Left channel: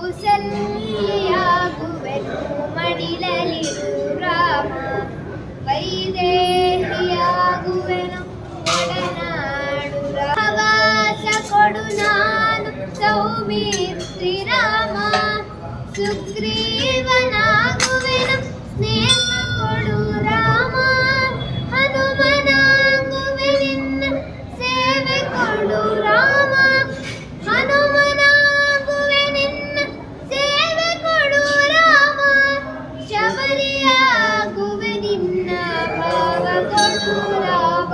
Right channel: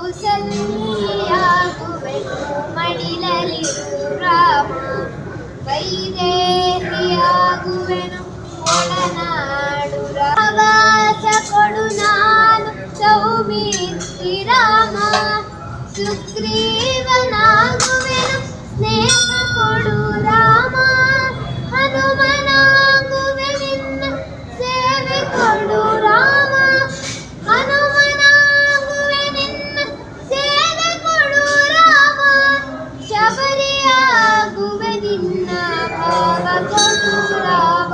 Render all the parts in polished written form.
ಕೌಸಲ್ಯಾಗುವೆನು ಮಡಿಲಲಿರು ರಾಮ, ವೈದೇಹಿಯಾಗುವೆನು ಒಡನಾಡು ರಾವಾಸ ಕೊಡು ನಾನು ಸೌಮಿತ್ರಿ ರಾಮ, ಸುಗ್ರೀವನಾಗುವೆನು ಸ್ನೇಹ ಕೊಡು ರಾಮ, ಹನುಮನಾಗುವೆ ನಿನ್ನ ಸೇವೆ ಕೊಡು ರಾಮ, ಹನುಮನಾಗುವೆ ನಿನ್ನ ಸೇವೆ ಕೊಡು ರಾಮ, ಶಬರಿಯಾಗುವೆ ನಿನ್ನ ಭಾವ ಕೊಡು ರಾಮ,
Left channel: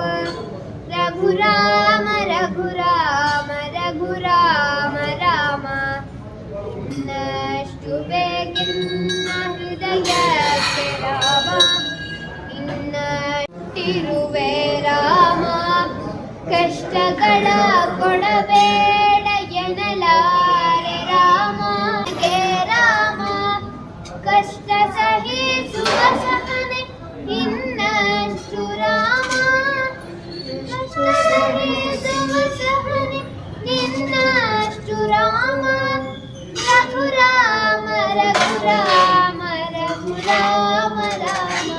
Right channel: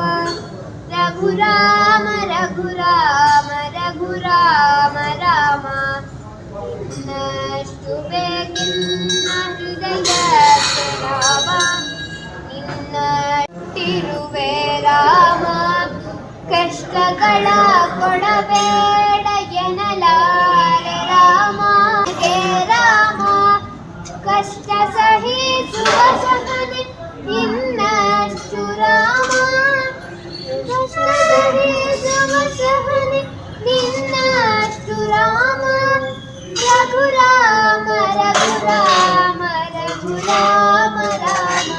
ರಘುರಾಮ ರಘುರಾಮ ರಘುರಾಮ ರಾಮ, ಇನ್ನಷ್ಟು ಬೇಕೆನ್ನ ಹೃದಯಕ್ಕೆ ರಾಮ, ಇನ್ನಟ್ಟಿರುವೆ ರಾಮ, ಕಷ್ಟಗಳ ಕೊಡಬೇಡ ಎನ್ನಲಾರೆ ರಾಮ, ಹೇ ರಾಮ ಕಷ್ಟ ಸಹಿಸುವ ಸಹನೆ ಇನ್ನಷ್ಟು ರಾಮ, ಕಷ್ಟ ಸಹಿಸುವ ಸಹನೆ ನಿನ್ನಷ್ಟು ರಾಮ, ರಘುರಾಮ ರಘುರಾಮ ರಘುರಾಮ ರಾಮ,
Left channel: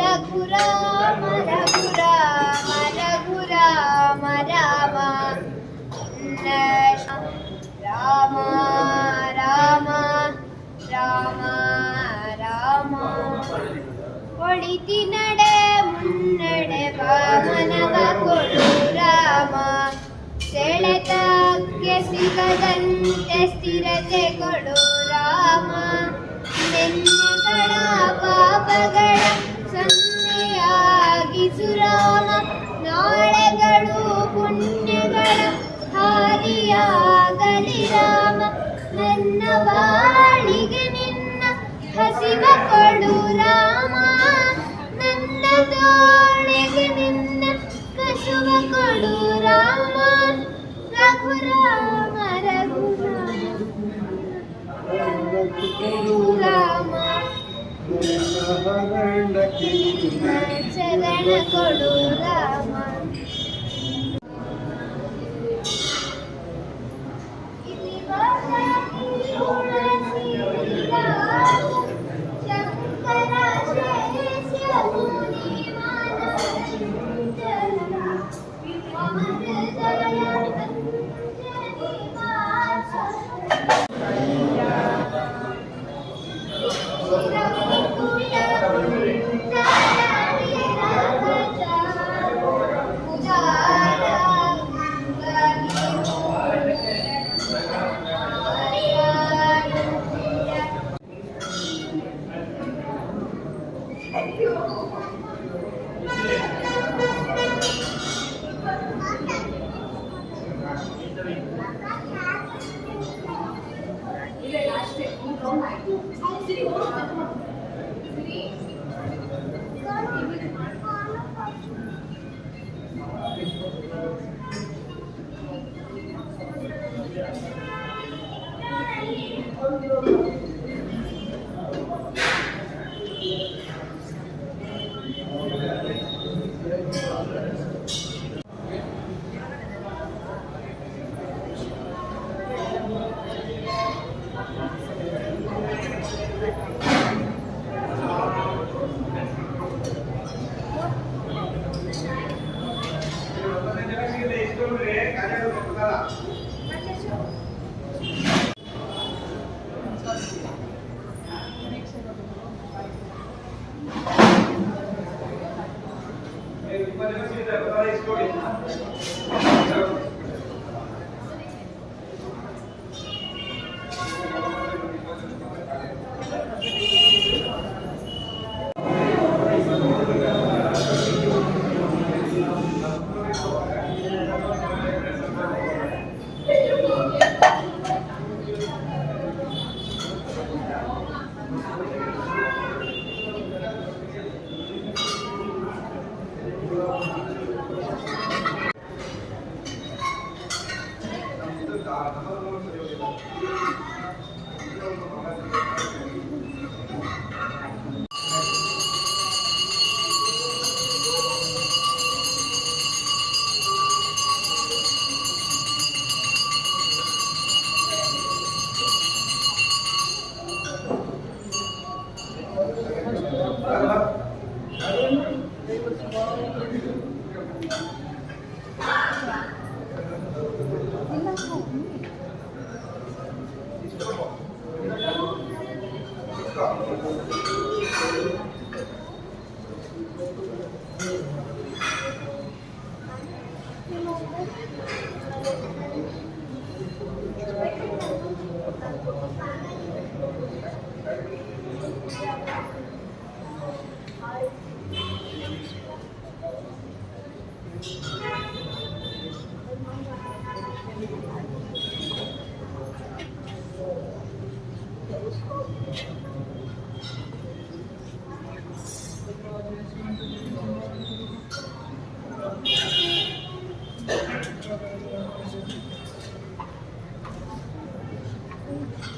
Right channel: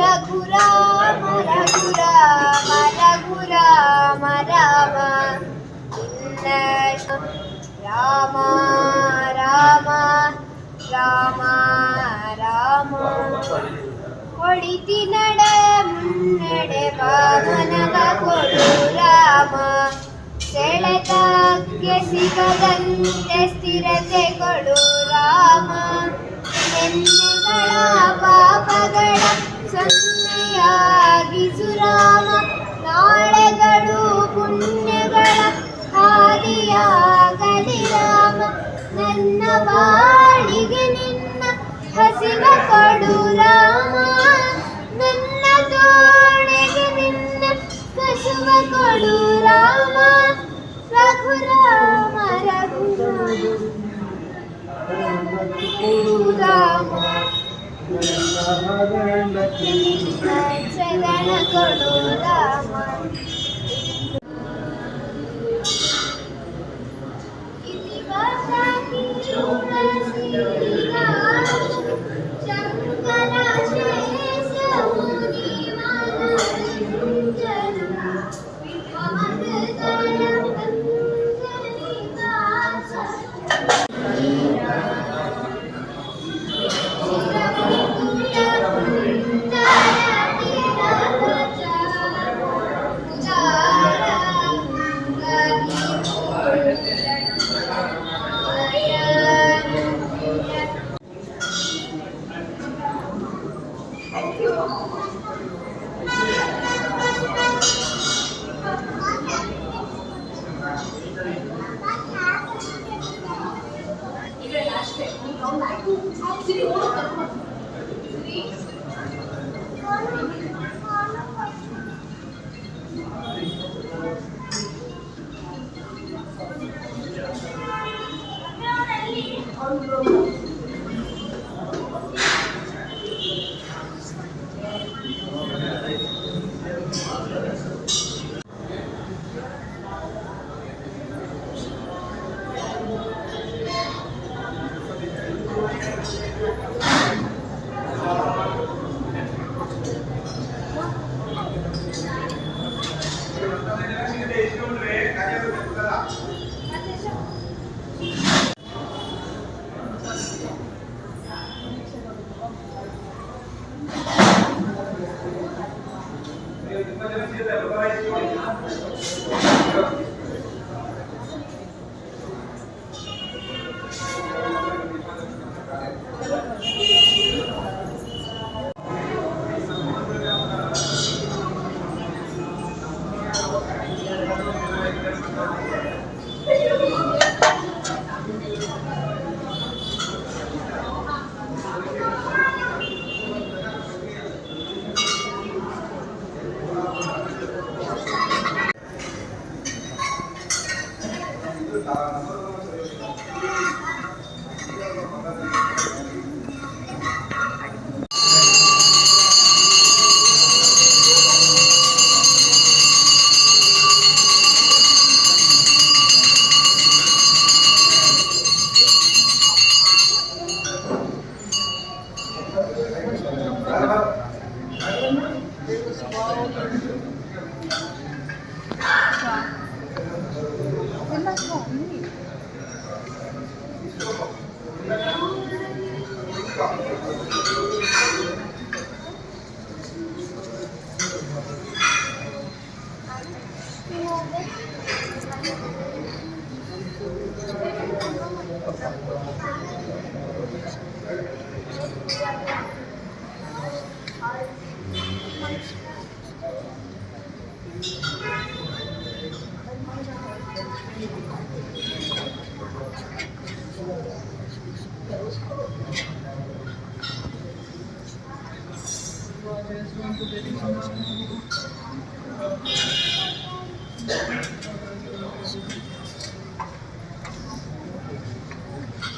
ರಘುರಾಮ ರಘುರಾಮ ರಘುರಾಮ ರಾಮ, ರಾಮ ರಾಮ ರಾಮ ರಾಮ, ಹೊಡಿತಿ ನಡೆ ಮುನ್ನಡೆ ವಾಮನವ ಕೊಡು ರಾಮ, ಸೆಳೆತಕ್ಕೆ ಸಿಗದಂತೆ ಸ್ಥಿರತೆ ಕೊಡು ರಾಮ, ನೆನ್ನೆಗಳ ಪಾಪಗಳ ಸೊನ್ನೆಯಾಗಿಸು ರಾಮ, ನಾಳೆಗಳು ಪುಣ್ಯಗಳ ಹಾದಿಯಾಗಲಿ ರಾಮ, ನನ್ನ ಬಾಳಿಗೆ ನಿನ್ನ ಹಸಿವ ಕೊಡು ರಾಮ, ನನ್ನ ತೋಳೆಗೆ ನಿನ್ನ ಕಸುವ ಕೊಡು ರಾಮ, ರಘುರಾಮ ರಘುರಾಮ ರಾಮ, ಶರಣ ಕೊಡು ರಾಮ, ಶಂಕರ ಶೇಷ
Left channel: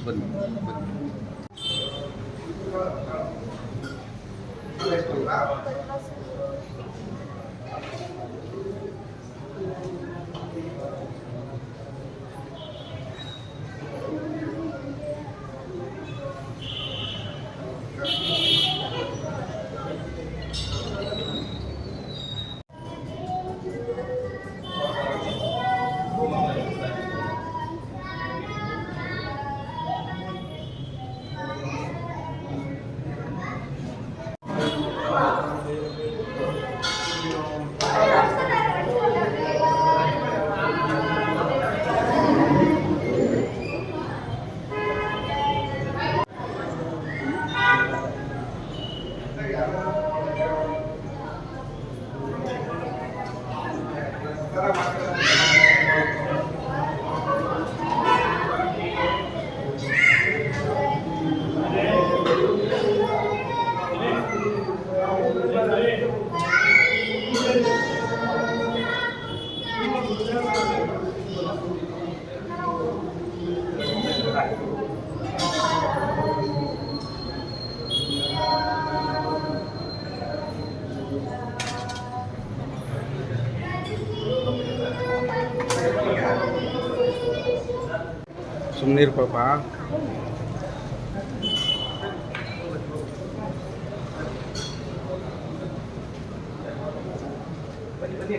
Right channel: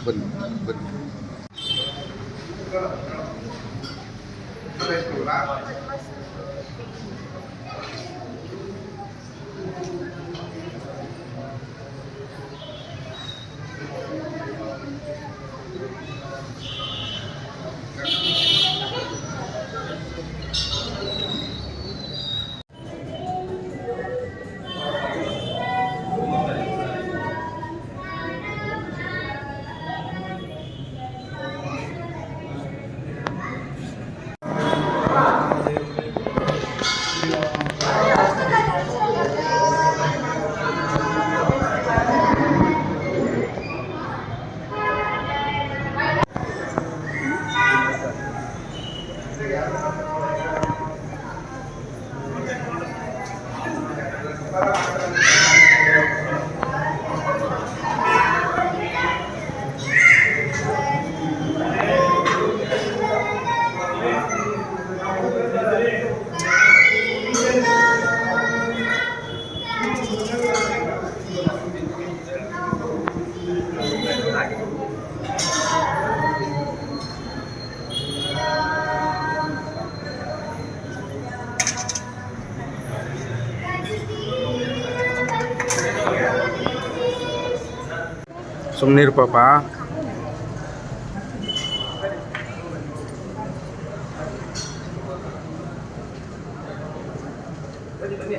ಬನ್ನಿ ಬನ್ನಿ. ಸುಮ್ಮನಿರು ಪಾಪ. ಬನ್ನಿ ಬನ್ನಿ.